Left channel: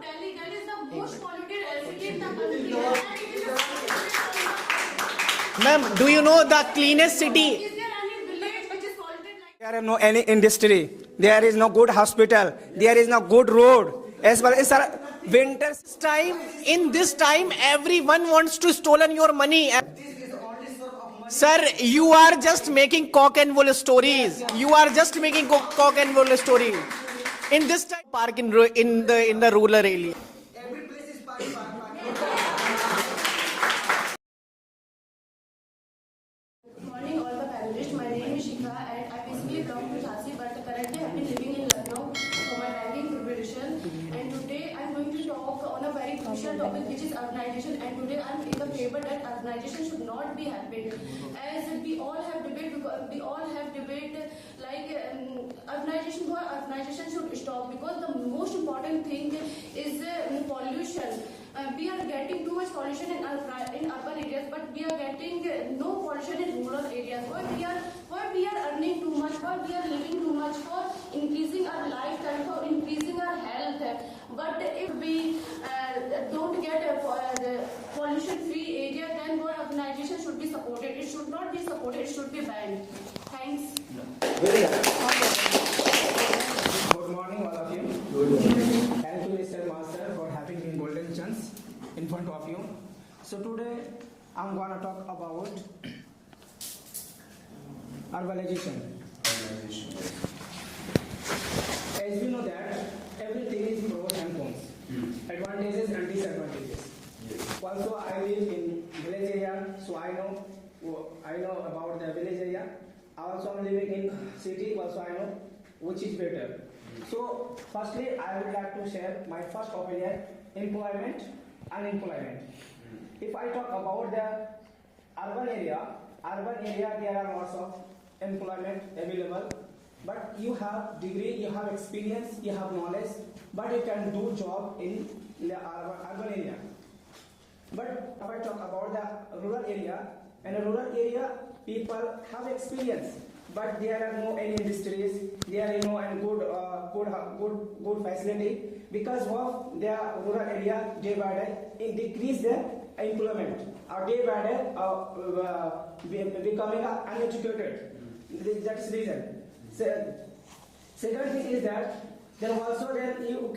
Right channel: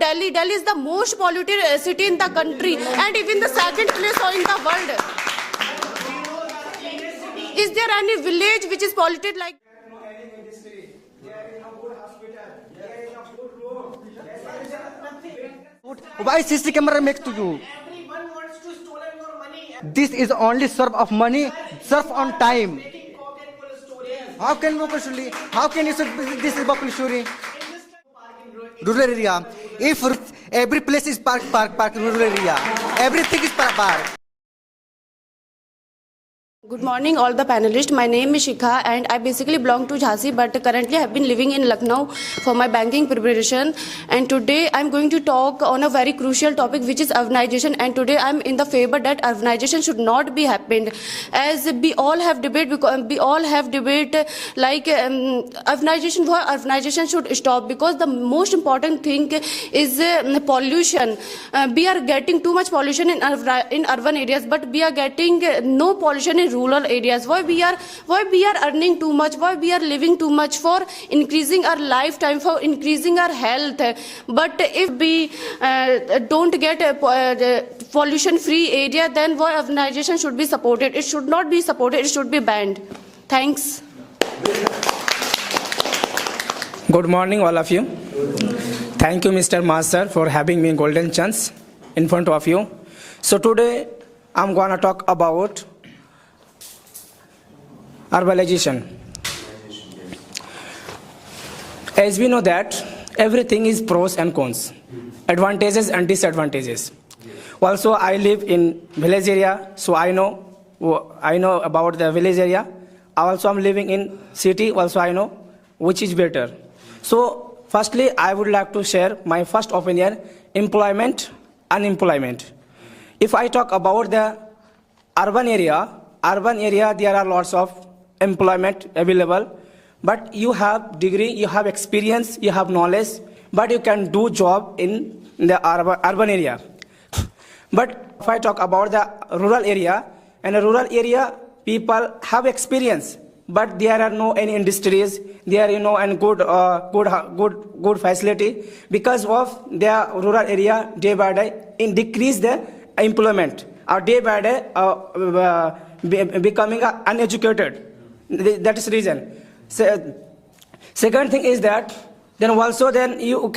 Delhi. Delhi is the most polluted city in the country and even the second place in the world. Ma'am, do you know the cleanest city? Is there any village which is polluted like? There is no any industry. There is no good hospital. There is no good road. As well as winter Time, Why CC in camera this makes you time, do? everyone wants to stolen your money. This is only serve of money. Sir, serve you on are just time. making cock and bull stories. How You can are you just say- making how cock can you say and bull this is stories. public story? In this time, park in rural Rural area. in the rural area. If every place is park in rural area, everything is park. Good morning, all the panelists. My name is Shikha and I basically belong to Jhansi, but currently I have been living in Lucknow for my banking preparation. And today I'm going to talk on a very crucial topic, which is urbanization. And today I'm in the favor that urbanization should not be happened. As we all have debate, like urbanization should stop, because the most important thing is pollution. We are getting too much pollution in urban areas, but we are getting no pollution in rural areas. Why we are earning too much, why we are living too much for increasing our lifetime, for increasing our health, but if we don't get a pollution free area, then why urbanization should be supported? It should not be supported, it should be banned. Thanks. Good morning, all of you. Thank you, Mr. Master, for having me golden chance in front of you. So today, I'm gonna talk about urbanization. As we know that everything is pros and cons, advantages and disadvantages. Also, I live in village area, so I know about the village area. Also, I'm living in city, also I know which is better. So, firstly, I would like to share my first opinion: employment, unemployment. If I talk about the urban area, there are lots of employment available, but you have degree, you have experience, you have knowledge, but you can do job in the urban area. But if I talk about the rural area, in a rural area, people have experience, but there are no any industries, there are and good facility, because of the rural area day by day decrease the employment, or day by day becoming uneducated. That is reason. Second thing is that then you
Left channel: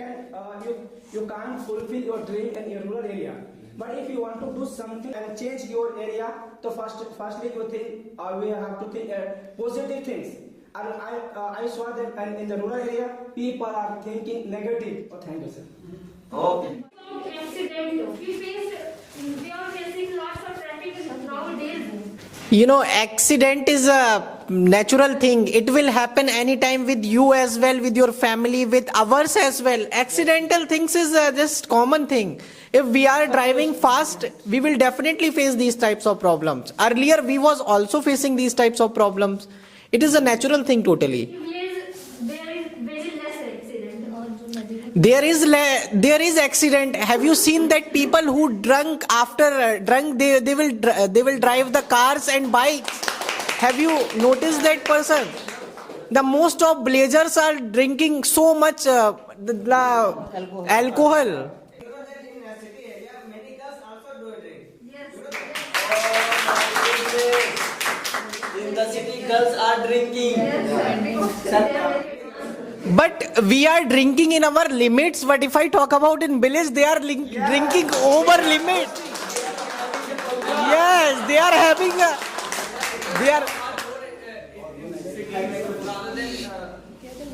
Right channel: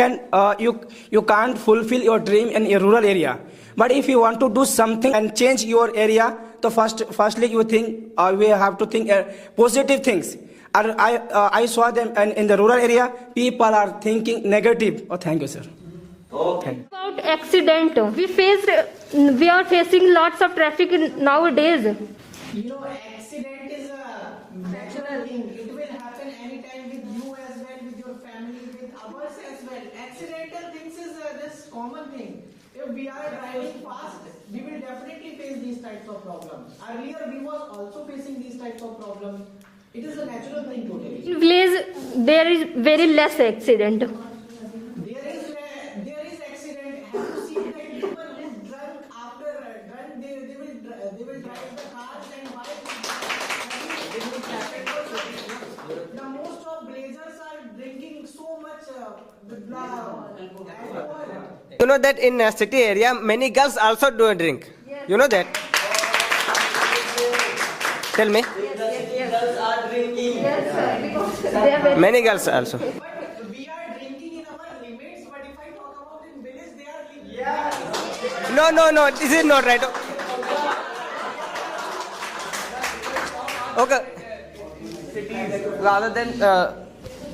can't fulfill your dream in a rural area. But if you want to do something and change your area, so firstly you think we have to think positive things. I saw them in the rural area, people are thinking negative. Oh, thank you, sir. About accident, we are facing lots of traffic nowadays. You know, accident is a natural thing. It will happen anytime with you as well, with your family, with ours as well. Accidental things is just common thing. If we are driving fast, we will definitely face these types of problems. Earlier, we was also facing these types of problems. It is a natural thing totally. In village, there is very less accident. There is accident. Have you seen that people who drunk after drunk they will drive the cars and bikes? Have you noticed that person? The most of villagers are drinking so much alcohol. You know that in a city area, many girls also do drink. You know that? Tell me. In the city, girls are drinking. Many girls also. But we are drinking in our limits. But if I talk about in village, they are drinking over limit. No, this is not right. Yes, they are having a... They are... Okay. Rather than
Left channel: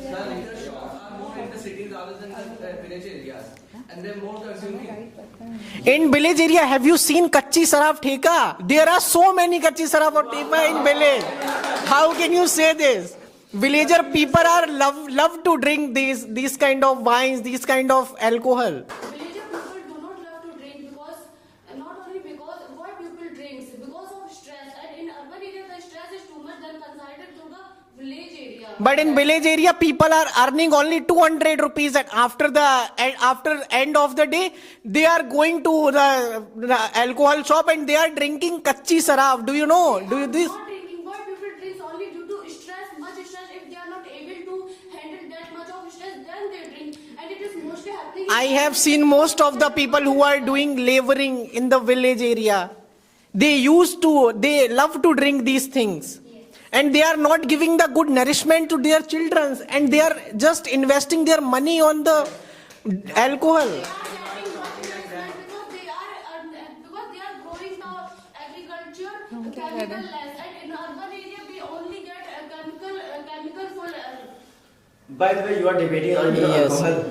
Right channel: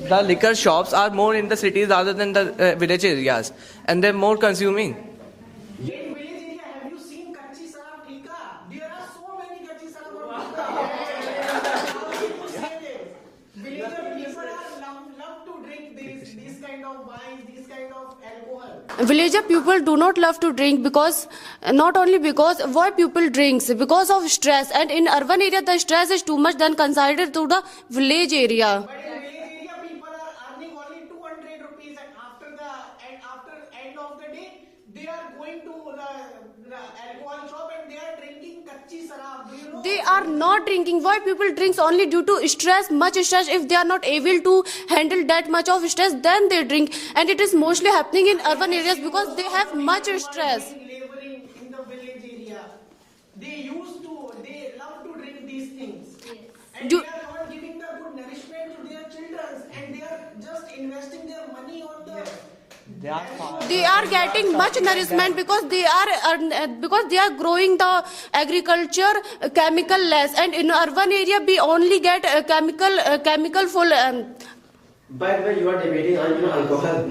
the liquor shops are more in the cities rather than the village areas, and they're more consuming. In village area, have you seen Kachi Saraf Theka? There are so many Kachi Saraf or Theka in village. How can you say this? Villager people are love to drink these kind of wines, these kind of alcohol. Villager people do not love to drink because not only because why people drinks because of stress, and in urban area the stress is too much than considered to the village area. But in village area people are earning only 200 rupees, and after end of the day they are going to the alcohol shop and they are drinking Kachi Saraf. Do you know? They are not drinking. Why people drinks only due to stress, much stress stress. If they are not able to handle that much of stress, then they drink, and it is mostly happening in I urban have areas seen because most they of the have people much who are stress. doing laboring in the village area. They love to drink these things. And they are not giving the good nourishment to their children, and they are just investing their money on the alcohol. They are getting much nourishment because they are growing the agriculture chemical less, and in urban area we only get chemical full. By the way, you are debating on alcohol.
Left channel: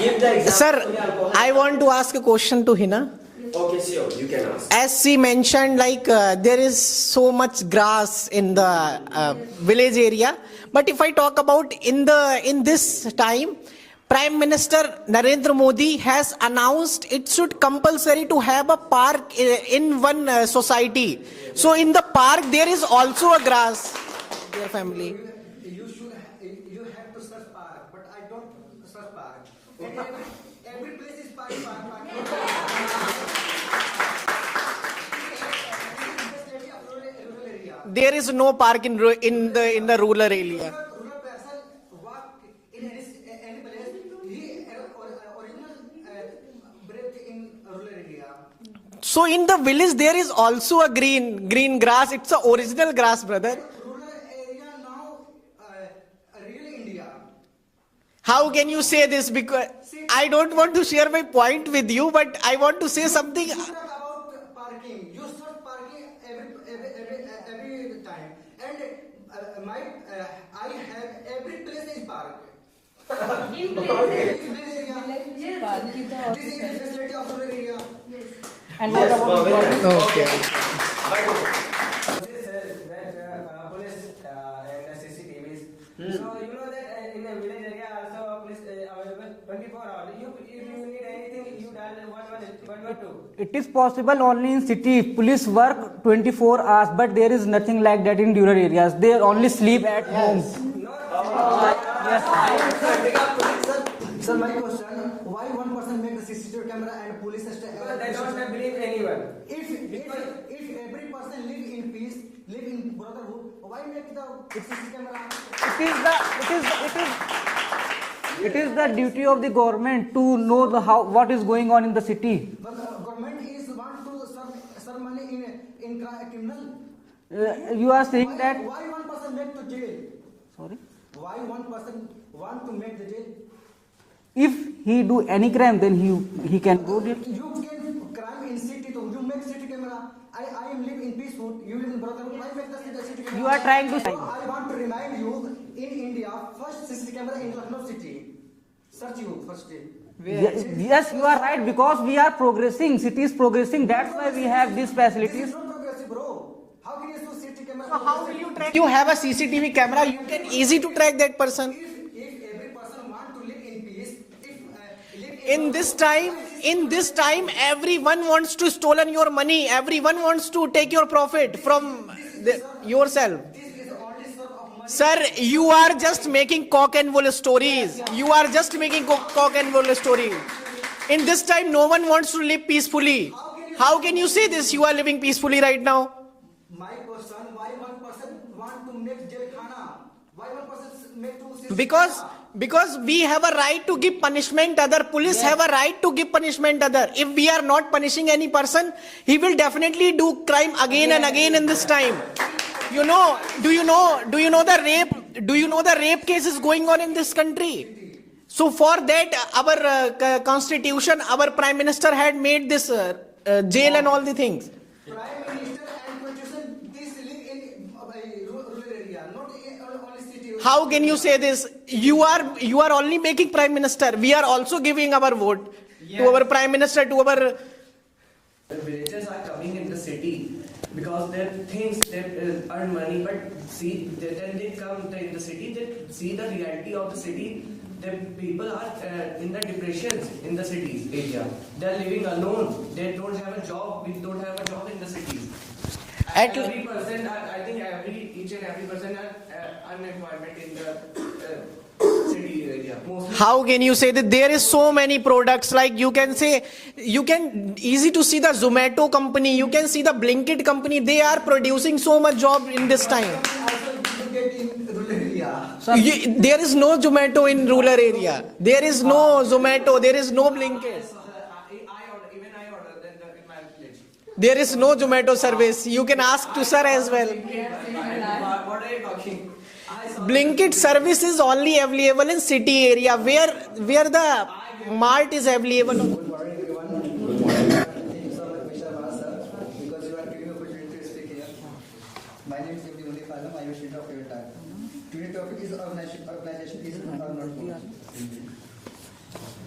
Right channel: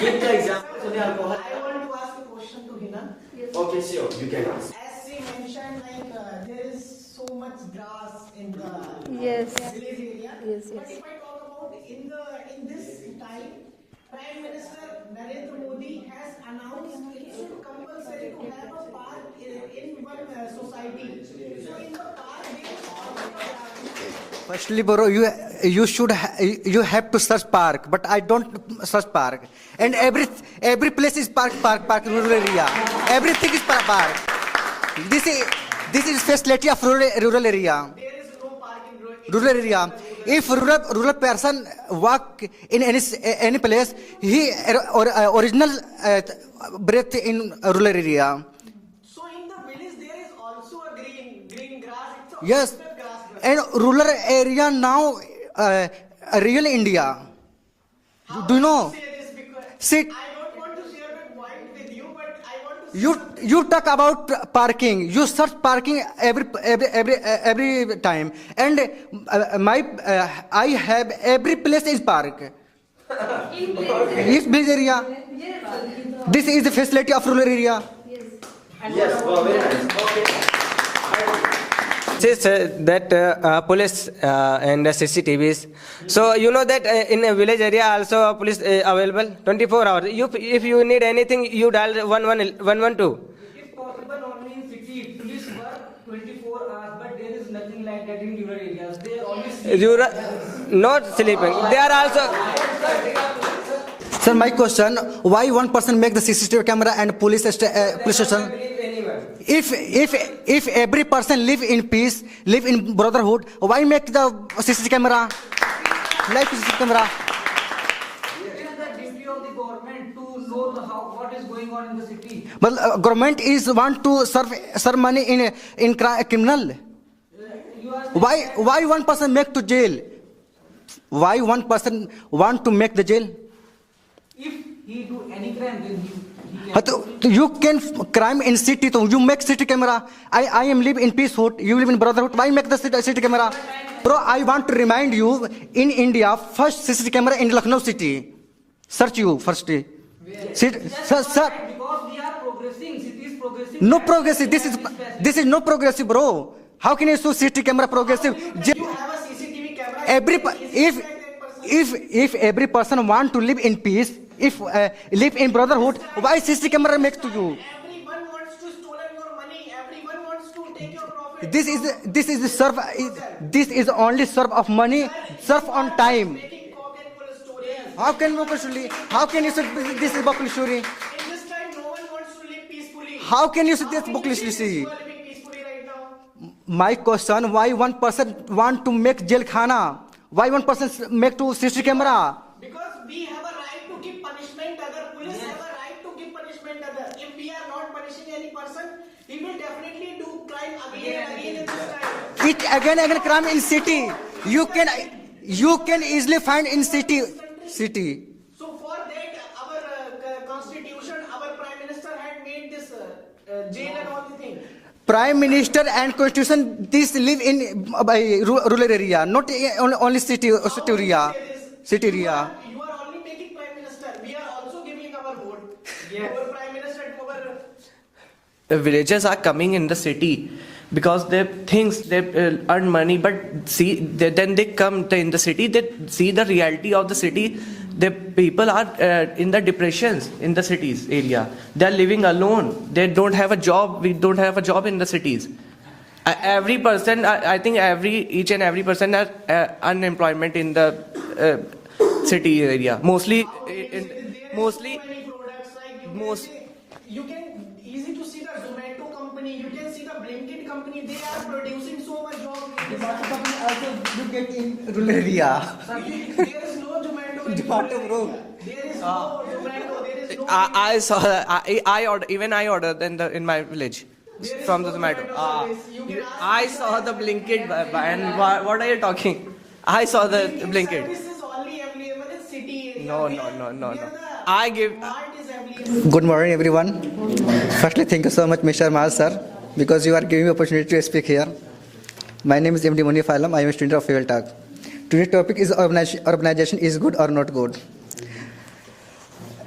Give the example. Sir, I want to ask a question to Hina. Okay, sure, you can ask. As she mentioned, like there is so much grass in the village area. But if I talk about in this time, Prime Minister Narendra Modi has announced it should compulsory to have a park in one society. So in the park there is also a grass. Actually, bro, you have to search park, but I don't search park. And every place is park in rural area. Everything is park. This is facility of rural area. There is no park in the rural area. If rural person walk in any place, he original breath in rural area. So in the village there is also a green grass. It's a Yes. original grass, brother. And rural area now, real India. How Do can know? you say this? Because Sit. I don't want to share my point with you, but I want to say something. You talk about parking. You search parking every time, and I have every place is park. Yes, village area. This is the facility of rural area. Yes, well, very nice. Says that police and the CCTVs. So you know that in a village area also police available 24 hours. If you need anything, you dial 112. It is possible only in city. Police work 24 hours, but there is nothing like that in rural areas. They only sleep at home. Not sleeping. They are also. Sir, my question: why one person make the CCTV camera and police station? If every person live in peace, live in brotherhood, why make the CCTV camera? It is the duty of the government to know what is going on in the city. But government is want to serve money in criminal. You are saying that Why one person make to jail? Sorry? Why one person want to make the jail? If he do any crime, then he can. But you can crime in city, so you make city camera. I am live in peacehood. You live in brotherhood. Why make the city camera? You are trying to Bro, I want to remind you, in India, first CCTV camera in Lucknow city. Search you first. Yes, you are right, because we are progressing. City is progressing. No That's why progressive. we have This is no progressive, bro. How can you show CCTV camera progressive? You have a CCTV camera. It's easy to track that person. If every person want to live in peace, if live in brotherhood, why CCTV camera in this makes time, you do? everyone wants to stolen your money. Everyone wants to take your profit. This is the serve yourself. This is only serve of money. Sir, serve you on are time. just making cock and bull stories. How You can are you just say- making how cock can you say and bull this is stories. Bakul story? In this time, no one wants to live peacefully. How can you say How this can you Bakul say story? this? You are living peacefully right now. My question: why one person want to make jail khana? Why one person make to CCTV camera? Because we have a right to give punishment other. Police have a right to give punishment other. If we are not punishing any person, he will definitely do crime again and again in this time. It again You and know, crime in do you city. know- do you know the can- rape- do you you know the can rape easily cases find going in on in city. this country? City. So for that, our constitution, our prime minister had made this jail and all the things. Prime Minister and Constitution, this live in rural area, not only city. How city can you area. say this? City You area. are only making prime minister. We are also giving our vote to our prime minister, to our. The villagers are coming in the city because they think they earn money, but then they come in the city, they see the reality of the city. The people are in the depressions in the cities area. They are living alone. They don't have a job. We don't have a job in the cities. Every person, I think each and every person has unemployment in the city area. Mostly. How can you say that there is so many products? Like you can say, you can easy to see the Zomato company, you can see the Blinkit company. They are producing so much job in this time. You get in rural area. There is no Zomato in rural area. There is no Zomato. There is no Blinkit. I saw that. I ordered in my village. There is From no the Zomato service. You can ask to sir as well. Blinkit, and what are you talking? I saw the Blinkit service is only available in city area where the mart is available. Good morning, everyone. Firstly, thank you so much, Mr. Mal sir, because you are giving me opportunity to speak here. My name is MD Munif Alam. I am a student of Favel Talk. Today's topic is urbanization is good or not good.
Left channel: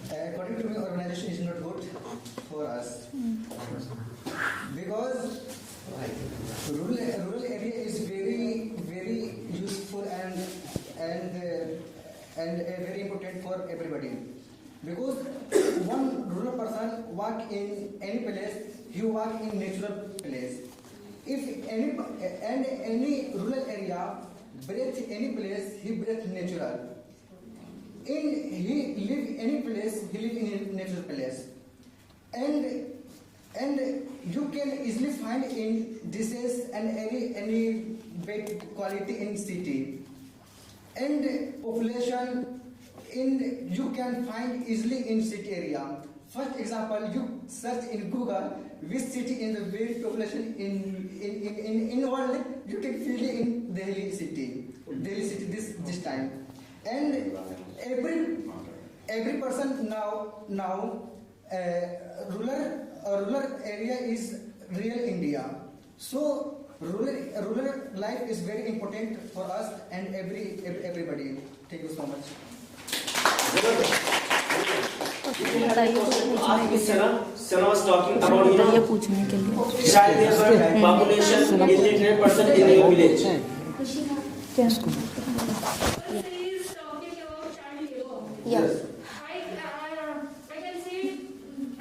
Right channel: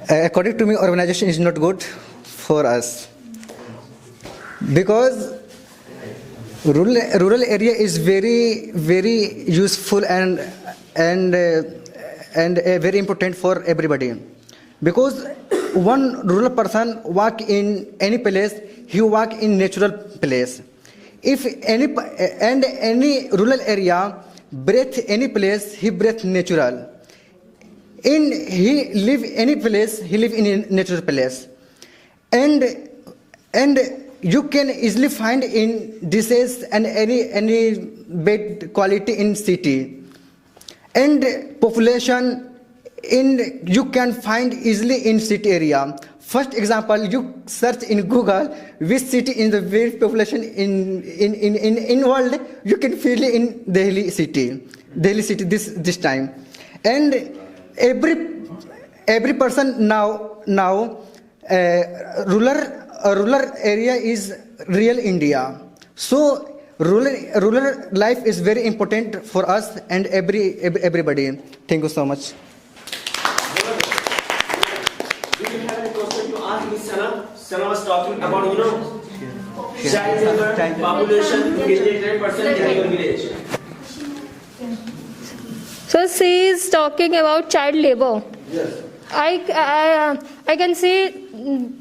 According to me, urbanization is not good for us because rural area is very useful and very important for everybody, because one rural person walk in any place, he walk in natural place. If any rural area breathe any place, he breathe natural. He live any place, he live in a natural place, and you can easily find in disease and any bad quality in city, and population you can find easily in city area. First example, you search in Google which city in the very population in world, you can feel in Delhi city this time, and every person now rural area is real India. So rural life is very important for us and everybody. Thank you so much. Sarah was talking about, child labor population 89% in your village. So she is talking about child labor. Yes. I can see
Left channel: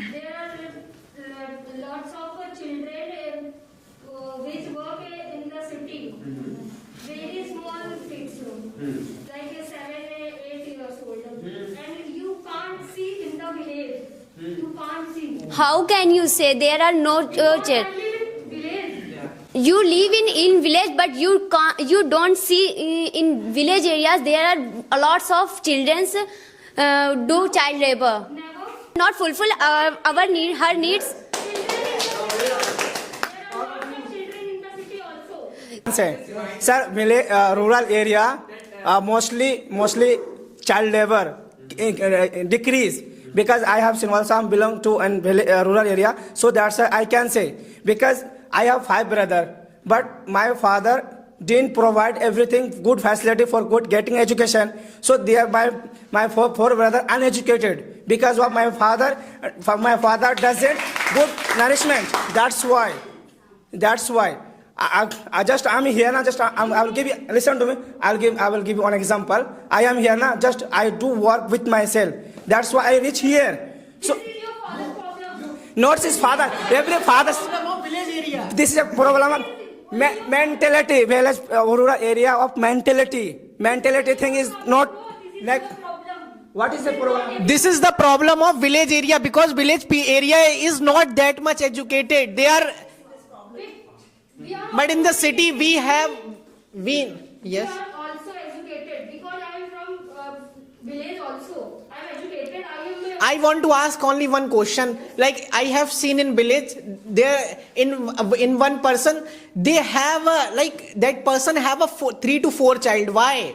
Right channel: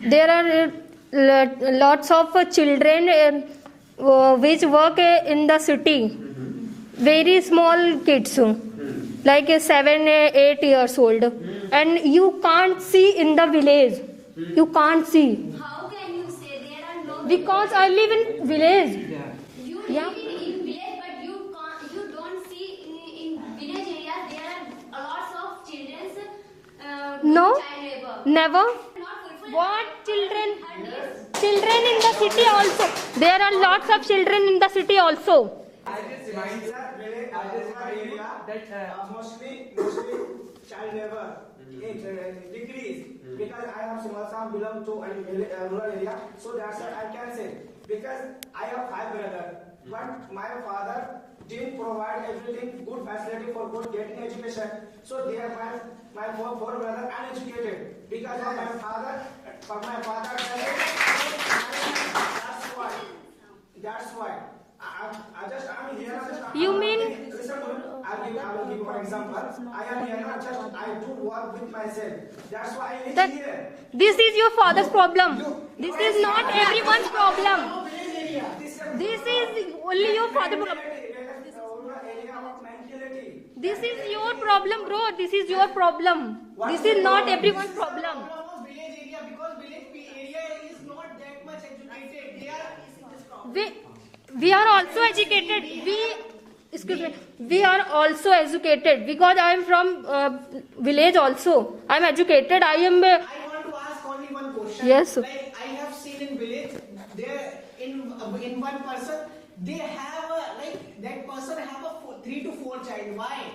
there are lots of children which work in the city. Very small kids, like 7-8 years old, and you can't see in the village. You can't see. How can you say there are no Because I live in village. You live in village, but you don't see in village areas there are lots of children do child labor. Never. Not fulfill her needs. Children in the city also. There are lots of children in the city also. Sir, rural area mostly child labor decrease, because I have seen also I belong to a rural area, so that's why I can say, because I have 5 brothers, but my father didn't provide everything good facility for good getting education, so they are my four brothers uneducated because of my father doesn't good nourishment. That's why I'm here now. I'll give you, listen to me. I will give you one example. I am here now. I do work with myself. That's why I reach here. This is your father's problem. Not his father. Every father's. This is a problem of mentality. Village, rural area of mentality. Mentality thing is not. This is your problem. What is the problem? This is the problem of village area, because village area is not that much educated. They are. We are also But in the educated. city we have. We are also educated, because I am from village also. I am educated. I want to ask only one question. Yes. Like I have seen in village, there in one person they have that person have a 3 to 4 child. Why?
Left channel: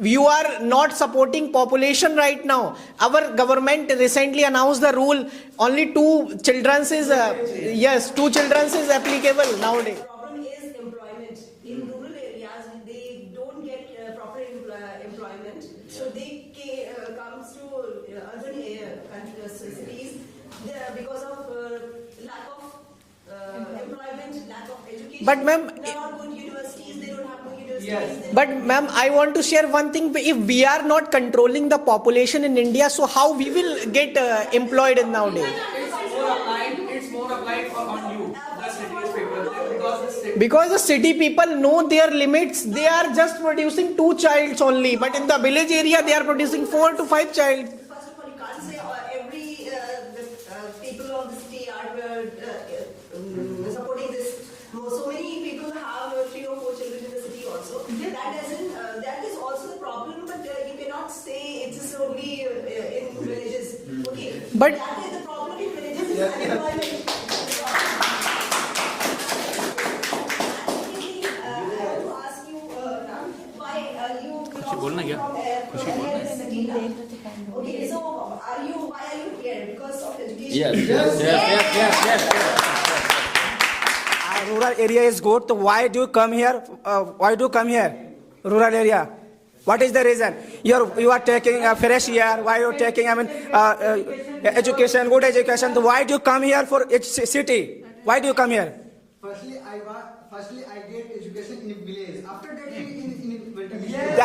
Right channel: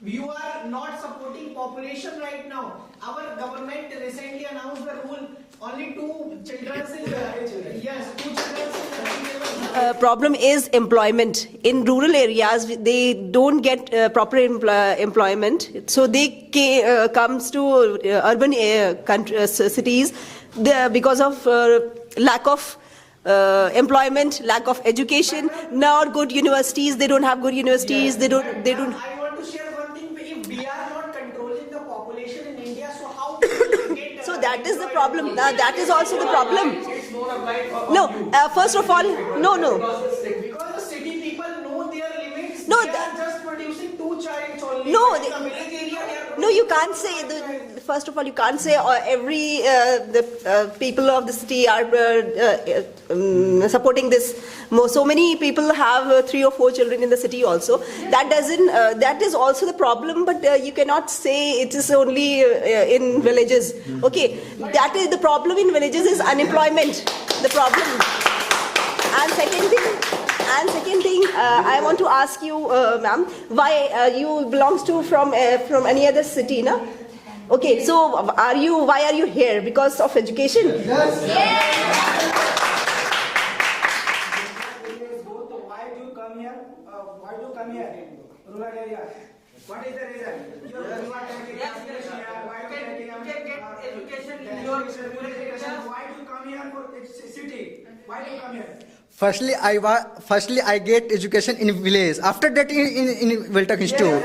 You are not supporting population right now. Our government recently announced the rule only 2 children is 2 children is applicable now. Problem is employment. In rural areas, they don't get proper employment, so they comes to urban cities because of lack of employment, lack of education. But not good universities. They don't have good universities. They don't. But ma'am, I want to share one thing. If we are not controlling the population in India, so how we will get employed in nowadays? That is also the problem. No, first of all, no. Because the city people know their limits, No, they are just producing 2 childs only. No, but in the village area, they are No, producing you 4 can't to say 5 child. First of all, you can't say every the people of the city are supporting this. So many people have 3 or 4 children in the city also. That doesn't. That is also the problem. But you cannot say it is only in villages. Okay, but that is the problem in villages is unemployment. The problem. And second thing, I want to ask you, ma'am, why you belongs to from any other city, na? Okay, so why are you here? Because of education? Rural area is good, so why do you come here? Why do you come here? Rural area. What is the reason? You are taking a fresh air. Why you are taking education, good education? So why do you come here for each city? Why do you come here? Firstly, I get education in village. After that, in Viltak Institute.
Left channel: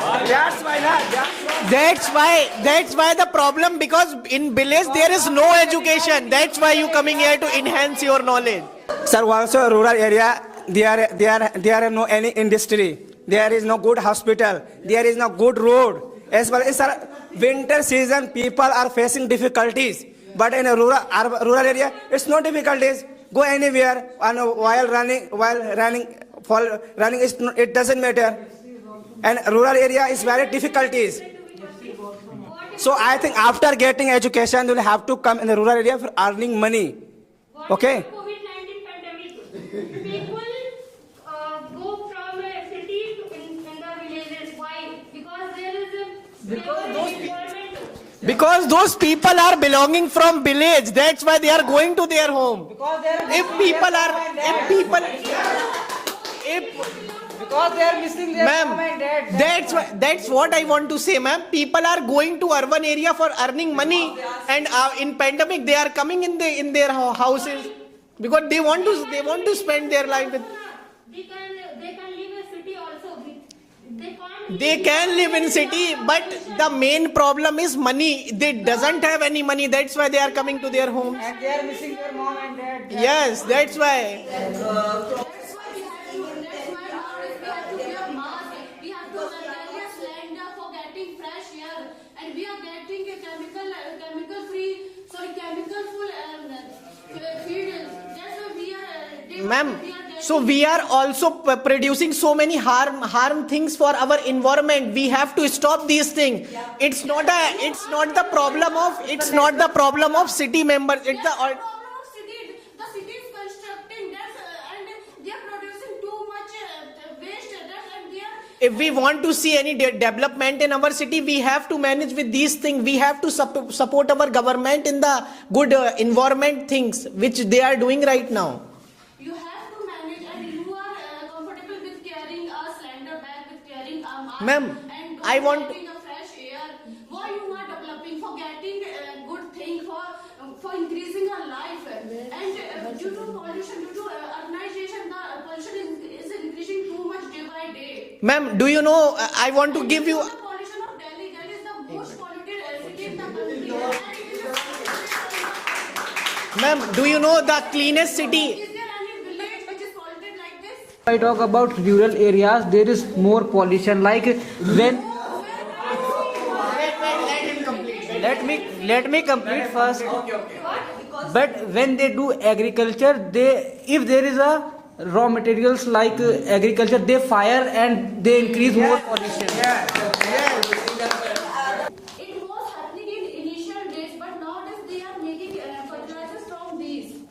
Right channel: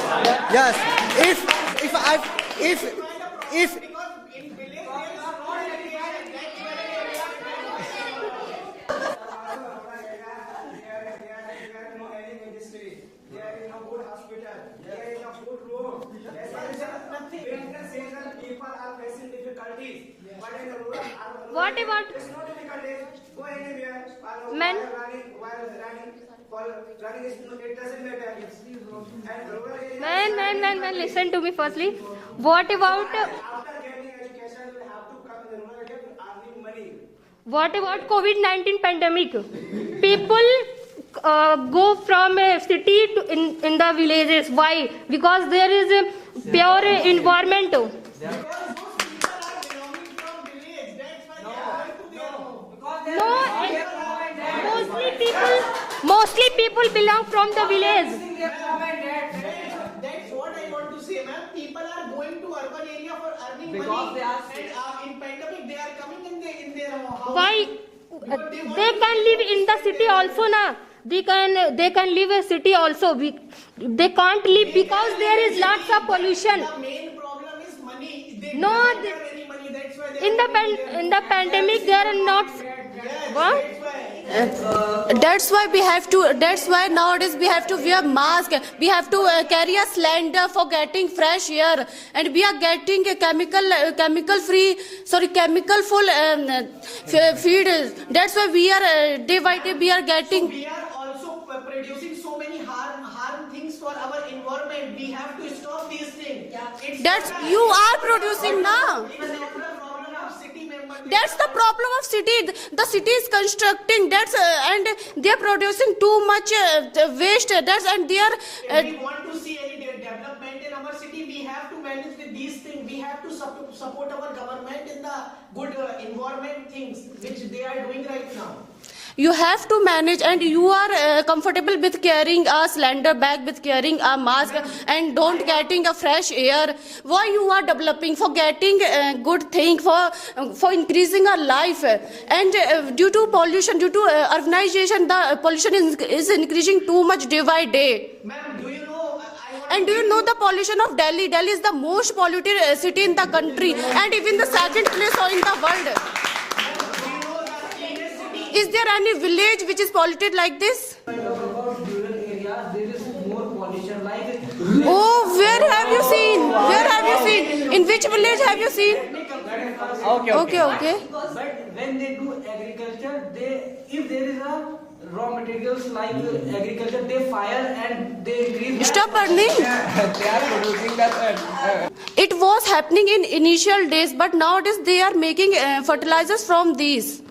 That's why the problem, because in village there is no education. That's why you coming here to enhance your knowledge. Sir, also rural area, there are no any industry. There is no good hospital. There is no good road. As well as sir, winter season, people are facing difficulties. But in a rural area, it's no difficulties. Go anywhere and while running, it doesn't matter. And rural area is very difficulties. Listen to me firstly. What about So I think after getting education, you will have to come in the rural area for earning money. What Okay. about COVID-19 pandemic? People go from a city to in the villages. Why? Because there is a pure environment. Because those people are belonging from village. That's why they are going to their home. Mostly people belong from the village. Ma'am, that's what I want to say, ma'am. People are going to urban area for earning money, and in pandemic they are coming in their houses. Why? Because they want to spend their life. Also, na. They can live in city also. They can't live. They because can live there in is lots city, of but pollution. the main problem is money. They No, doesn't have any money. That's why they are coming to their In home. the pandemic, they are not. Yes, What? that's why. That's why we have to. That's why nowadays we have to wear mask. We have to carry a cylinder for getting fresh air, and we are getting a chemical full feed. That's why we are day by day we are getting. So we are also producing so many harm things for our environment. We have to stop these things. It's not the problem of city members. That's the problem of city. The city is constructing. And they are producing too much waste. And they are. If we want to see any development in our city, we have to manage with these things. We have to support our government in the good environment things which they are doing right now. You have to manage, and you are comfortable with carrying a cylinder bag, with carrying a mask, and getting a fresh air. Why you are developing for getting a good thing, for increasing our life, and due to pollution, due to urbanization, the pollution is increasing too much day by day. Ma'am, do you know? I want to And give do you know the pollution of Delhi? Delhi is the most polluted city in the country, and even the second place in the world. Ma'am, do you know the cleanest city? Is there any village which is polluted like this? I talk about rural areas, there is more pollution. Like Oh, where have you seen? Where have you seen? In which village have you seen? Let me complete first. Okay. But when they do agriculture, if there is a raw materials like agriculture, they fire and they increase more. Stop earning. It was happening in initial days, but nowadays they are making fertilizers from these.